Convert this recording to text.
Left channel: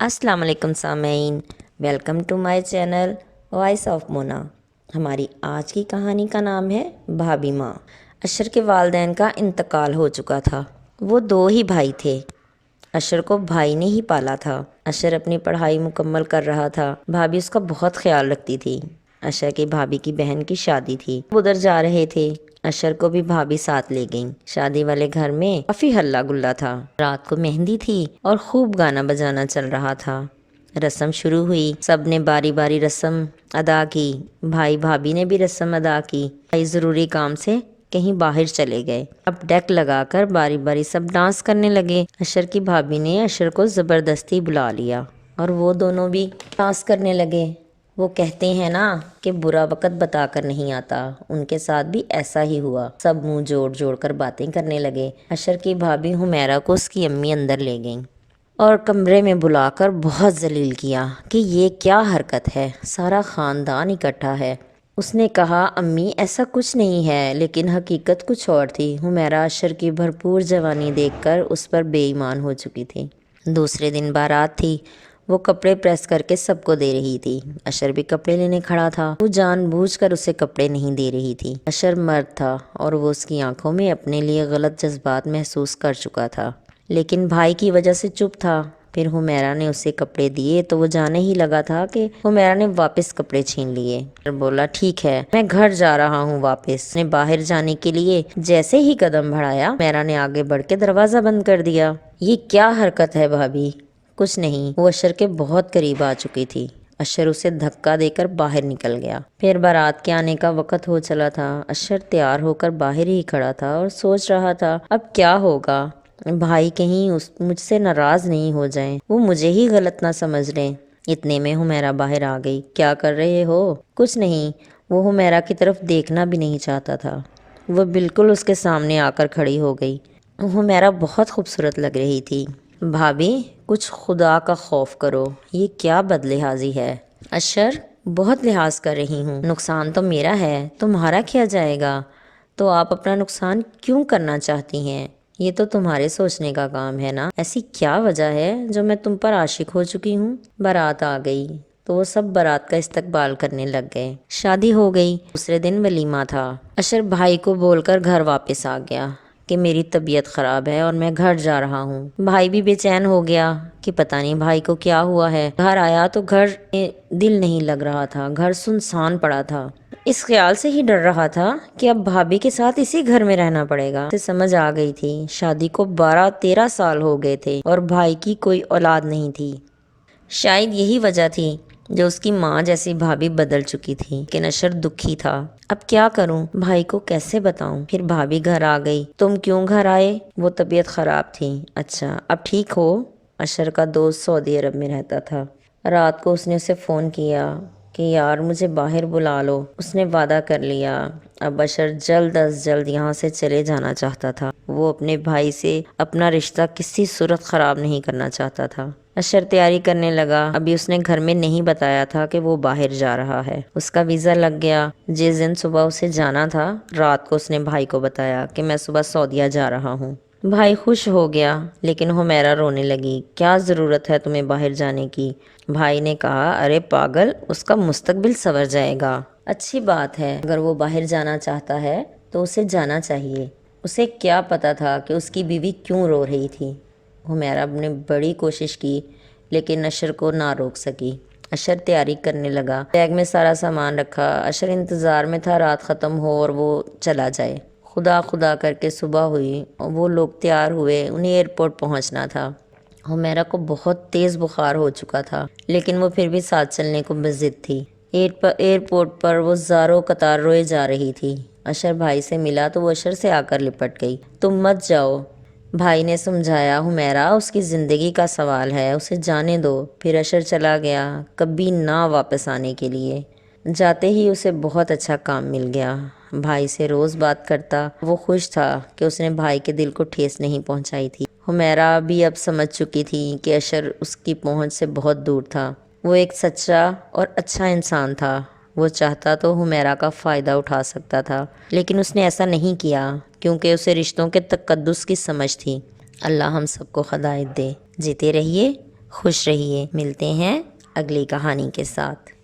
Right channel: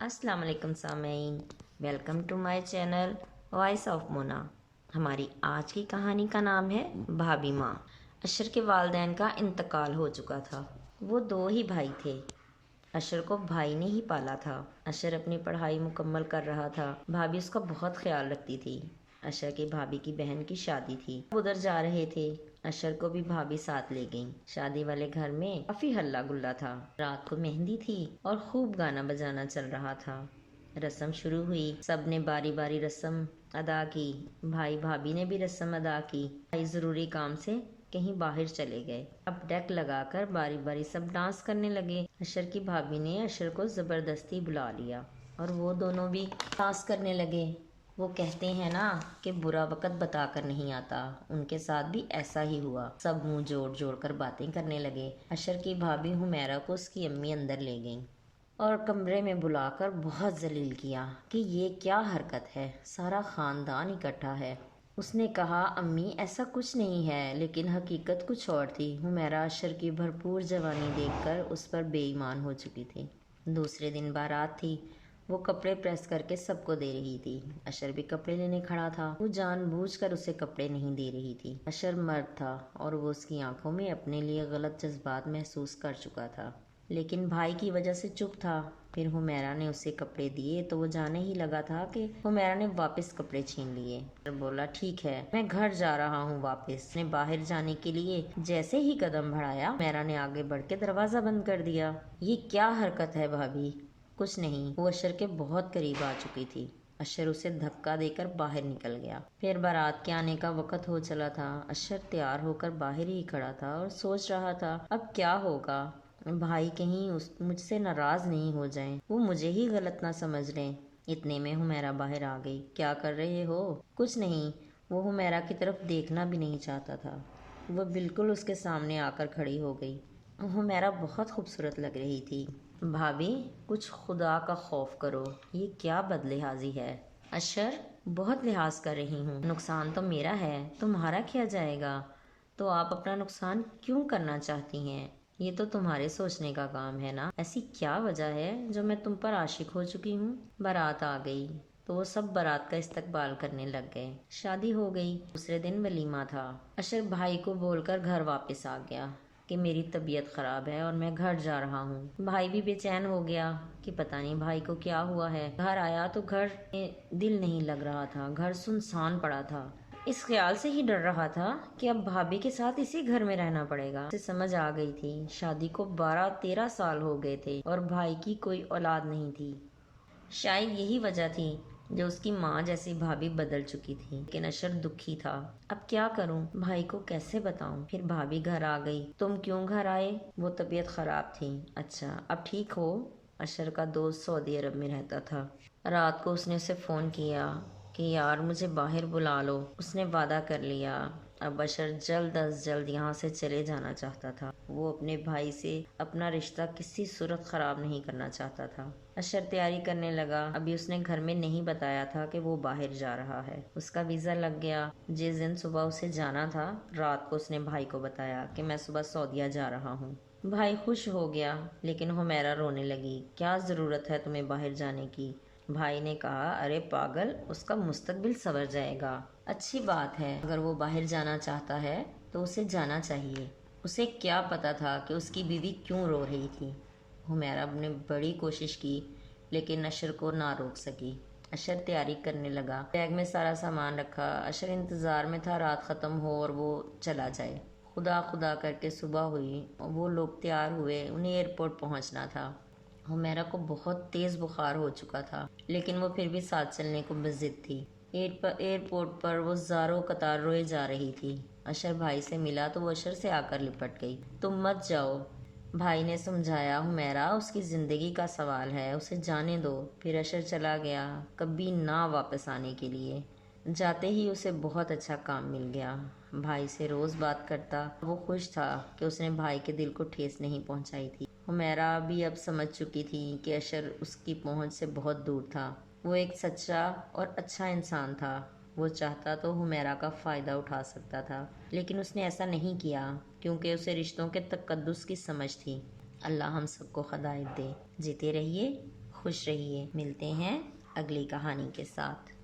السلام علیکم سامعین، welcome to my channel voice of Mona. ہماری آج کی کہانی کا نام ہے بھابھی ماں۔ اشر کے والدین کا انتقال ہو چکا تھا۔ وہ دو ہی بھائی تھے۔ اشر کو بھائی نے ہی پالا تھا۔ اشر اپنی پڑھائی مکمل کر رہا تھا۔ بھابھی اس کا بہت خیال رکھتی تھی۔ اشر کی بھابھی کی بہن کی شادی تھی، وہ ادھر جا رہے تھے۔ اشر کو بھی بھابھی ساتھ لے گئیں۔ شادی والے گھر میں کافی ہلہ گلا تھا۔ رات کو مہندی تھی اور خوب گانا بجانا چل رہا تھا۔ رسم شروع ہوئی، سب نے باری باری رسم ادا کی۔ بھائی بھابھی نے بھی رسم ادا کی۔ بھائی ضروری کام سے کہیں باہر چلے گئے۔ اب ڈیک لگا کر باری باری سب ڈانس کرنے لگے۔ اشر کی بھابھی نے اشر کو زبردستی بلا لیا اور وہ دونوں بھی ڈانس کرنے لگے۔ وہ کہتے ہیں نا کہ برا وقت بتا کر نہیں آتا، ان کے ساتھ بھی ایسا ہی ہوا۔ سب منہ جوڑ جوڑ کر باتیں کرنے لگے۔ اشر کی بھابھی حمیرہ کو اس کی امی اندر لے گئیں اور کمرے میں بلا کر بہت ذلیل کیا کہ یہ کیا حرکت ہے، سارا خاندان اکٹھا ہے۔ اس نے کہا امی ایسا کچھ نہیں ہے، لیکن حقیقت کچھ اور تھی۔ حمیرہ اشر کی بھرپور جوانی دیکھ کر اس پر بے ایمان ہو چکی تھی۔ دوسرے دن بارات تھی، وہ کپڑے پریس کر کے سب کو دے رہی تھی۔ اشر بھی کپڑے لینے کھڑا تھا۔ وہ جان بوجھ کر اسے کپڑے نہیں دے رہی تھی۔ اشر مرد تھا اور وہ اس کی آنکھوں میں اپنے لیے غلط جذبات محسوس کر چکا تھا، لیکن بھائی کی وجہ سے چپ تھا۔ پھر حمیرہ نے اسے کپڑے دیے تو وہ جانے ہی لگا تھا کہ حمیرہ نے واپس کپڑے چھین لیے۔ بولا ٹھیک ہے میں گھر جا رہا ہوں واپس۔ نے باہر جانے کے لیے جیسے ہی قدم بڑھایا، حمیرہ نے آگے بڑھ کے دروازہ بند کر دیا۔ یہ کیا حرکت ہے بھابھی؟ کچھ نہیں، وہ اشر کے بہت قریب آ چکی تھی۔ اشر اسے دھکا دے کر باہر نکل گیا۔ پھر بارات کے آنے کا وقت ہو چلا تھا۔ اشر تیار ہو کر باہر ہی کھڑا تھا اور سوچ رہا تھا اب کیا ہوگا، بھائی کہیں مجھ سے ناراض نہیں ہو جائیں، وہ مجھے ہی غلط نہ سمجھ لیں۔ اتنے میں حمیرہ باہر آ گئی۔ کیا کر رہے ہو؟ کچھ نہیں۔ وہ حمیرہ کی طرف دیکھنا بھی نہیں چاہتا تھا۔ وہ بالکل اس کے سامنے آ کر کھڑی ہو گئی۔ حمیرہ بہت خوبصورت لگ رہی تھی۔ بھابھی کچھ خدا کا خوف کرو، یہ کیا بد لحاظی ہے؟ اشر بہت لحاظ کر رہی ہوں، نقصان تو میرا ہے، تمہارا کیا جائے گا؟ تو آپ اپنا نقصان کیوں کرنا چاہتی ہیں؟ یہ تو تمہارے سوچنے کا کام ہے نا۔ ایسی کیا وجہ ہے جو میں تم پر عاشق ہو چکی ہوں؟ بارات آ گئی تو وہ سب بارات کا استقبال کرنے لگ گئے۔ شادی ہو گئی۔ دوسرے دن ولیمہ تھا۔ اشر بھائی کو بول کر گھر واپس آ گیا کہ میری طبیعت خراب ہے اور میں گھر جا رہا ہوں۔ بھائی بھی بے چین ہو گیا کہ پتہ نہیں بھائی کو کیا ہوا ہے۔ گھر آیا تو گھر میں دل نہیں لگ رہا تھا، گھر سنسان پڑا تھا۔ اس خیال سے ہی ڈر رہا تھا کہ اب بھابھی کے ساتھ اسی گھر میں رہنا پڑے گا۔ اسے سمجھ آ گئی تھی شادی کو 12-13 سال ہو گئے تھے اور بھائی کی کوئی اولاد نہیں تھی۔ شاید یہی وجہ تھی جو اس کی ماں جیسی بھابھی بدل چکی تھی، لیکن اشر دکھی تھا۔ اب کیا کروں، بھائی کو کیسے بتاؤں؟ پھر بھابھی گھر آ گئی۔ تم کیوں گھر آئے؟ وہ طبیعت خراب تھی۔ اچھا اب ٹھیک ہو؟ اشر کا دوست سعودی عرب میں رہتا تھا۔ رات کو اس نے اسے فون کیا کہ یار مجھے باہر بلا لو۔ اس نے وعدہ کر لیا۔ اب اشر جلد از جلد یہاں سے چلے جانا چاہتا تھا۔ وہ اپنے بھائی سے اپنا رشتہ کسی صورت خراب نہیں کرنا چاہتا تھا۔ اشر تیاری کرنے لگا۔ ابھی اس نے گھر میں نہیں بتایا تھا کہ وہ باہر جا رہا ہے۔ اس کا ویزا لگ گیا۔ جس دن صبح اسے جانا تھا، رات کو اس نے بھائی کو بتایا کہ میں صبح سعودیہ جا رہا ہوں۔ بھائی خوش ہو گیا، لیکن حمیرہ رونے لگی۔ کیا ضرورت ہے تمہیں باہر جانے کی؟ بھائی نے کہا ارے پاگل، اس کا مستقبل سنور جائے گا۔ اچھی بات ہے، اگر وہ باہر جانا چاہتا ہے تو اسے جانا چاہیے۔ اسے کیا پتا تھا کہ اس کی بیوی کیوں رو رہی تھی۔ حمیرہ نے بڑی کوشش کی لیکن اشر کو نہ روک سکی۔ اشر تیاری کرنے لگا۔ بیگ میں سارا سامان رکھا۔ اشر انتظار میں تھا رات ختم ہو اور وہ چلا جائے۔ خدا خدا کر کے صبح ہوئی، وہ لوگ تیار ہوئے، انہیں ایئرپورٹ پہنچنا تھا۔ حمیرہ کو بہت تیز بخار ہو چکا تھا، لیکن وہ پھر بھی ساتھ چلنے کو بضد تھی۔ ایئرپورٹ پر وہ زاروں قطار روئے جا رہی تھی۔ اشر بھائی سے ملا تو وہ اشر سے آ کر لپٹ گئی۔ تم مت جاؤ، بھائی نے سمجھایا۔ حمیرہ اس کی زندگی کا سوال ہے، اسے جانے دو۔ پھر اشر چلا گیا، کبھی نہ واپس آنے کے لیے۔ جاتے ہی اسے بہت اچھا کام مل گیا۔ بھائی سے روز بات کرتا۔ وہ خوش تھا کہ اس نے بھائی کے دل کو ٹھیس نہیں پہنچائی تھی۔ حمیرہ بھی اب سمجھ چکی تھی کہ اشر اس کی پہنچ سے بہت دور تھا۔ وہ ایک سچا اور اچھا انسان تھا۔ وہ چاہتا تو حمیرہ کا فائدہ اٹھا سکتا تھا، لیکن اس نے ایسا نہیں کیا کیونکہ اسے رشتوں کے تقدس کی سمجھ تھی۔ اللہ ہم سب کو ہدایت دے۔ جیتے رہیے، خوش رہیے، ملتے ہیں اگلی کہانی کے ساتھ۔